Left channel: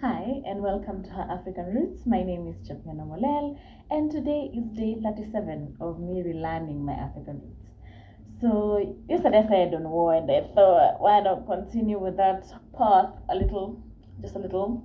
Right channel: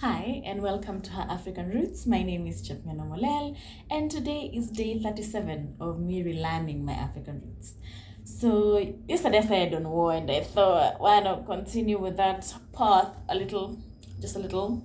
Hi and welcome to Her African Roots. My name is Chapmena Molel and today is day 37 of me relearning my African roots. So yesterday I started on war and I thought why not continue with that path just a little.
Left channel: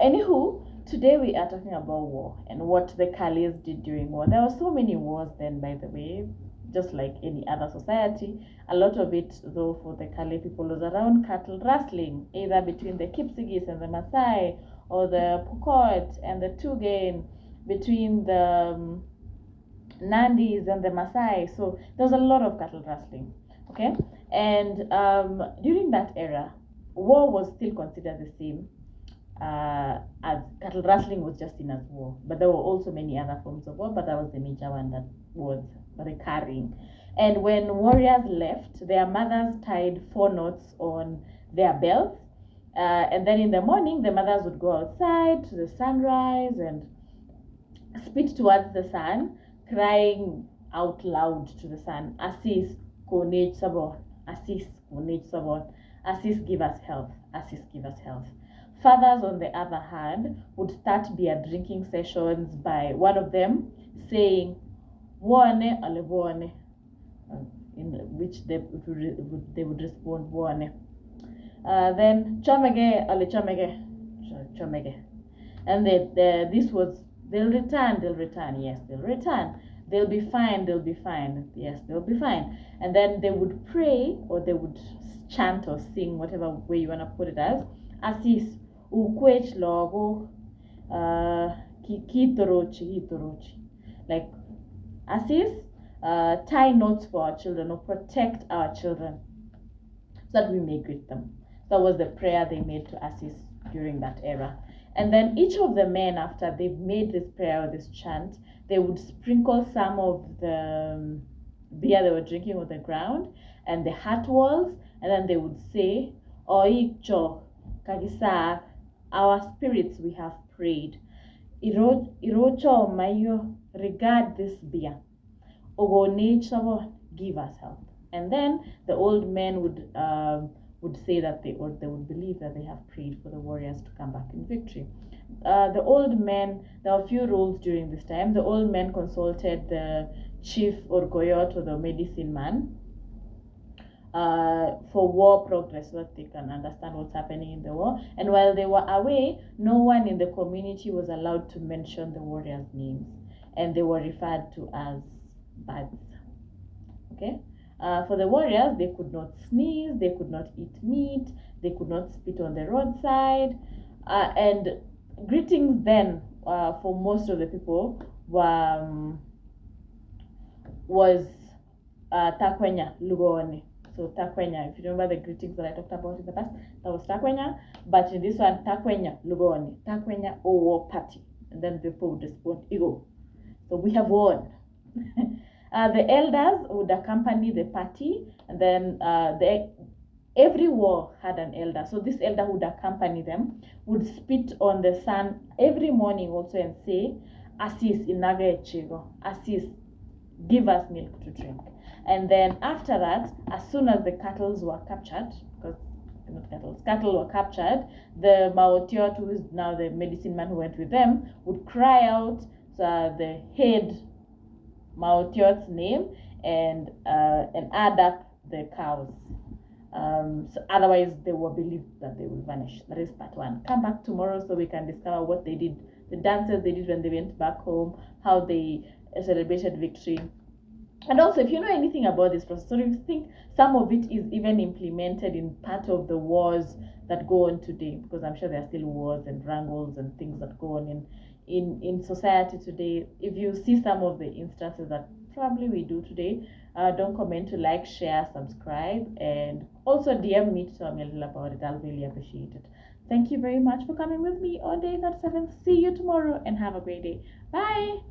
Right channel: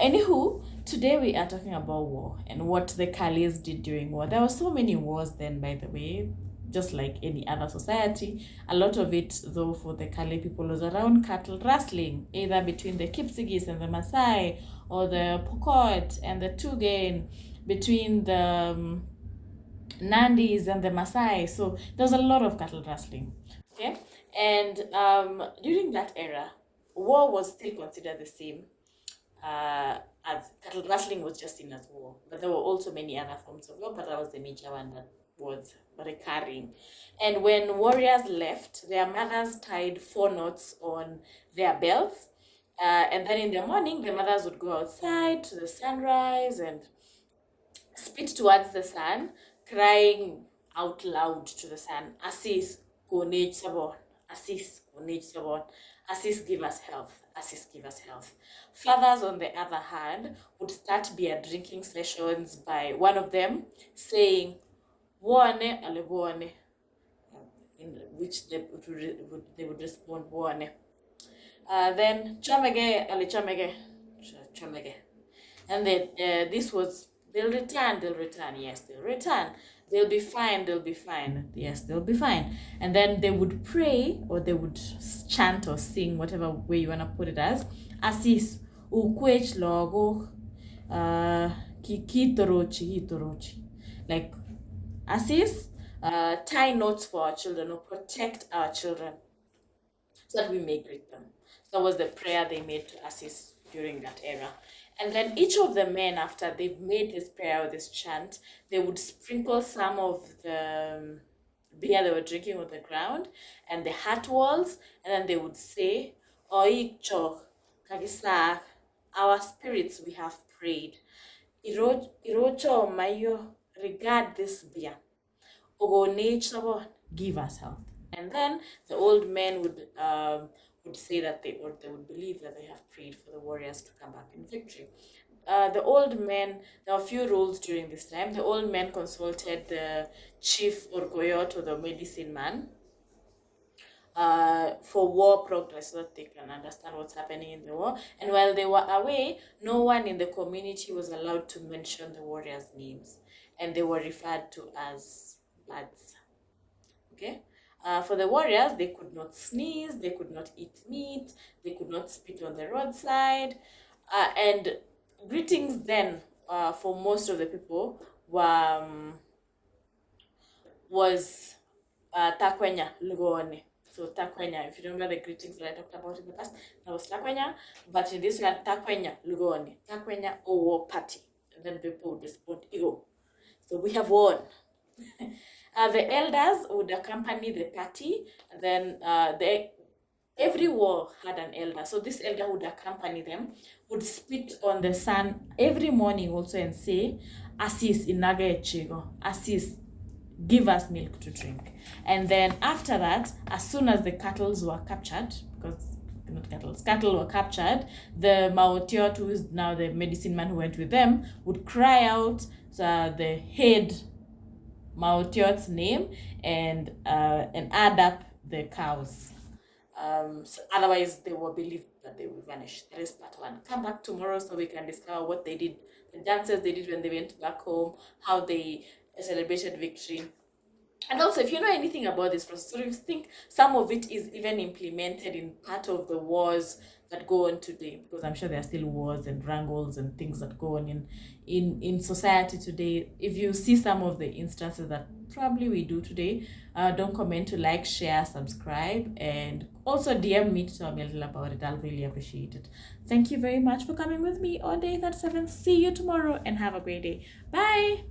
Anywho, today we are talking about war and what the Kalis did during war. There were so many wars then, by the way, just like any other society. A lot of it, though, for the Kali people was around cattle rustling, either between the Kipsigis and the Maasai, or the Pokot and the Tugen, between the Nandis and the Maasai. So there was a lot of cattle rustling, okay? And during that era, war was still considered the same, as cattle rustling was just seen as war. But there were also many other forms of war, but that was the major one that was recurring. And when warriors left, their mothers tied 4 knots on their belts. And then in the morning, the mothers would go outside to the sunrise and spit towards the sun, crying out loud to the sun, Assis, Konej Sabon, Assis, Konej Sabon, Assis, give us health, Assis, give us health. Fathers, on the other hand, would start beer drinking sessions by one of them saying, Woane ale woane, in which they would respond, Woane. Then, Chomege ale chomege. And this was, they'll return, yes, they'll return. They'll be fine, yes, they'll be fine. And then they would pray, or they would chant or sing, whatever way you want to put it as, Assis, ukwech logo, hitorochi. Like, Assis, tie knots for our children or protect our children so that we may greet them. So that was the prayer they made to Assis during that era. And then each of the men, after they've made this prayer or this chant, they would sprinkle some of the beer they were drinking on the ground and the hut walls, and then they would say, Oikcho, Kagisak, our spirits we have prayed. Irocho Mayo, regard this beer. Ogo give us health. And then the old men would say that they would believe that they have prayed for the warriors to come back in victory. The old men, there were a few rules during this time. The old men consulted the chief or goyot, or the medicine man, for war progress, so that they can understand what's happening in the war. And while they were away, no one in the community was allowed to mention the warriors' names, and they were referred to as bads. Okay? For the warriors, they could not sneeze, they could not eat meat, they could not spit on the roadside. And greetings then, for most of the people, was takwenya lugone. So takwenya, if you remember the greetings that I talked about in the past, that was takwenya. But in this one, takwenya lugone, takwenya owo party. And then people would respond, Igo. So we have won. The elders would accompany the party, and then every war had an elder. So this elder would accompany them, would spit on the sun every morning also and say, Assis inaga echigo, Assis, give us milk to drink. And then after that, as soon as the cattle were captured, because cattle were captured, the Maotiot, who is now the medicine man who went with them, would cry out the head Maotiot's name and add up the cows. So otherwise, they were believed that they will vanish. That is part 1. Come back tomorrow so we can discover what they did, the dances they did when they went back home, how they celebrated victory. And also, if you know anything about this process, or if you think some of it is even implemented in part of the wars that go on today, because I'm sure there are still wars and wrangles and things that go on in society today. If you see some of the instances that probably we do today, don't comment to like, share, subscribe, and also DM me to tell me a little about it. I'll really appreciate it. Thank you very much for coming with me on day 37. See you tomorrow and have a great day. Bye.